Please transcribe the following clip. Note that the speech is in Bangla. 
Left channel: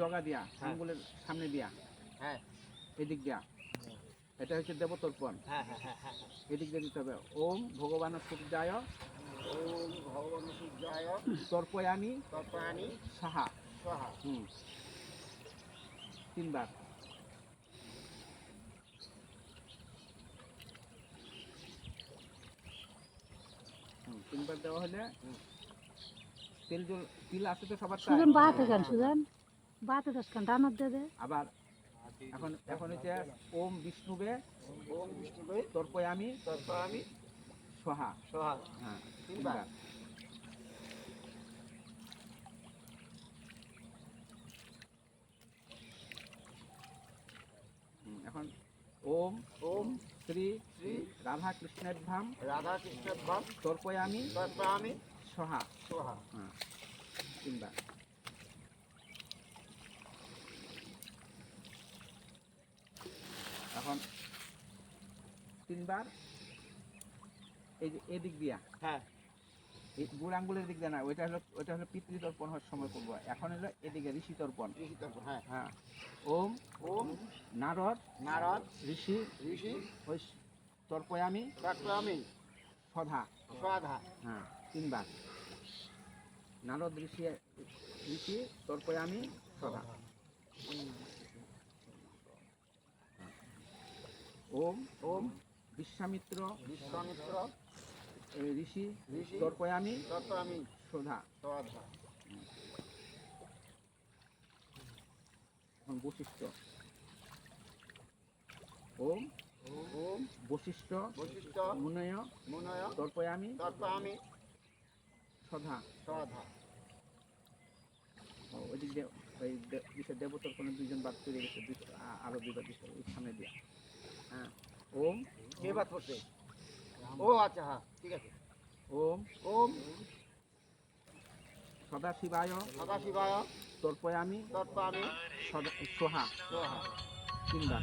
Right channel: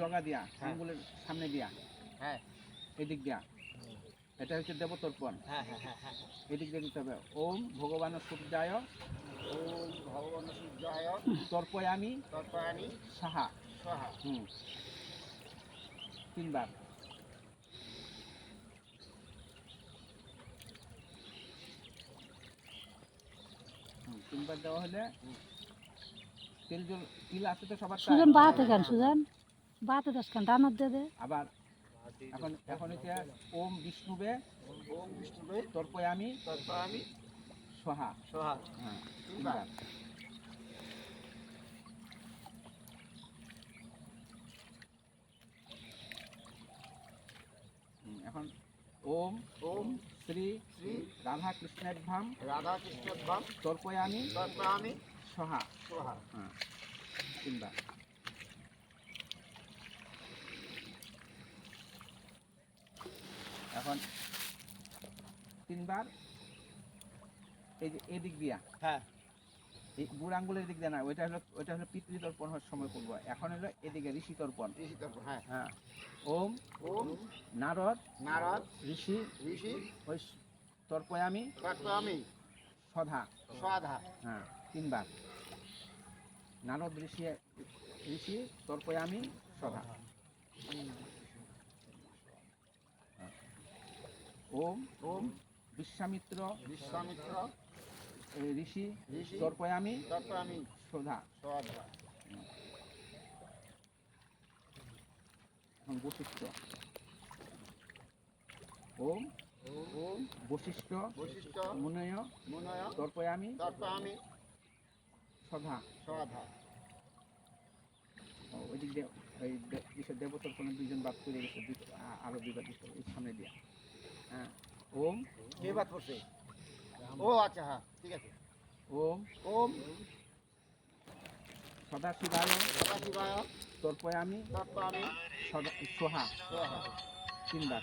জগা দিয়া আঙ্গুলের সামনে দিয়া, হ্যাঁ এদিক দিয়া, এটা হচ্ছে দেবতর্পণ। হ্যাঁ হ্যাঁ হ্যাঁ হ্যাঁ এদিক দিয়ে দিতে হবে। ওম ভগবান সূর্যায় ওম ভগবান সূর্যায় তর্পয়ামি তর্পয়ামি সাহা। স্বাহা। 3 বার। তিনবার দেওয়া হলে তিল আছে তো সবার। সুজন বাহাতে গান, সুজন বাহাতে দশ গান রানত দে দে। আবার এখন হচ্ছে ওম বিষ্ণুবে ওম বিষ্ণুবে তর্পয়ামি তর্পয়ামি স্বাহা। স্বাহা। হ্যাঁ 3 বার। এখন ওম ওম শ্রী শ্রী রাধা কৃষ্ণের ধাম রাধা কৃষ্ণের ধাম তর্পয়ামি তর্পয়ামি স্বাহা। স্বাহা। হ্যাঁ 3 বার। এখন 3 বার এই যে এদিক দিয়া, হ্যাঁ এই বুড় আঙ্গুলের দিক দিয়ে না, ওইটা হলো পিতৃতর্পণ হওয়ার সময় করবো। এখন হলো এদিকে ঋষি তর্পণ। ঋষি তর্পণ। হ্যাঁ হ্যাঁ ওম ওম নারদ নারদ ঋষি ঋষি ওই তর্পয়ামি তর্পয়ামি সধা। স্বাধা। হ্যাঁ 3 বার। নারদ ঋষি তর্পয়ামি সধা। ওম ওম বিশ্বামিত্র বিশ্বামিত্র ঋষি ঋষি তর্পয়ামি তর্পয়ামি সধা। স্বাধা। এখন বশিষ্ঠ। ওম ওম বশিষ্ঠ বশিষ্ঠ মুনয় মুনয় তর্পয়ামি তর্পয়ামি সধা। স্বাধা। ওইদিক দিয়ে ওই দেবতার কোনো 2 জন বাদ করে গেছে, আরো 2 বার দিতে হবে সামনে দিয়ে। হ্যাঁ ওম কে বাদ পড়ছে? ও আচ্ছা, হ্যাঁ ঠিক আছে। ওম ওম সদাশিবায় সদাশিবায় তর্পয়ামি তর্পয়ামি সোহা। স্বাহা। 3 বার।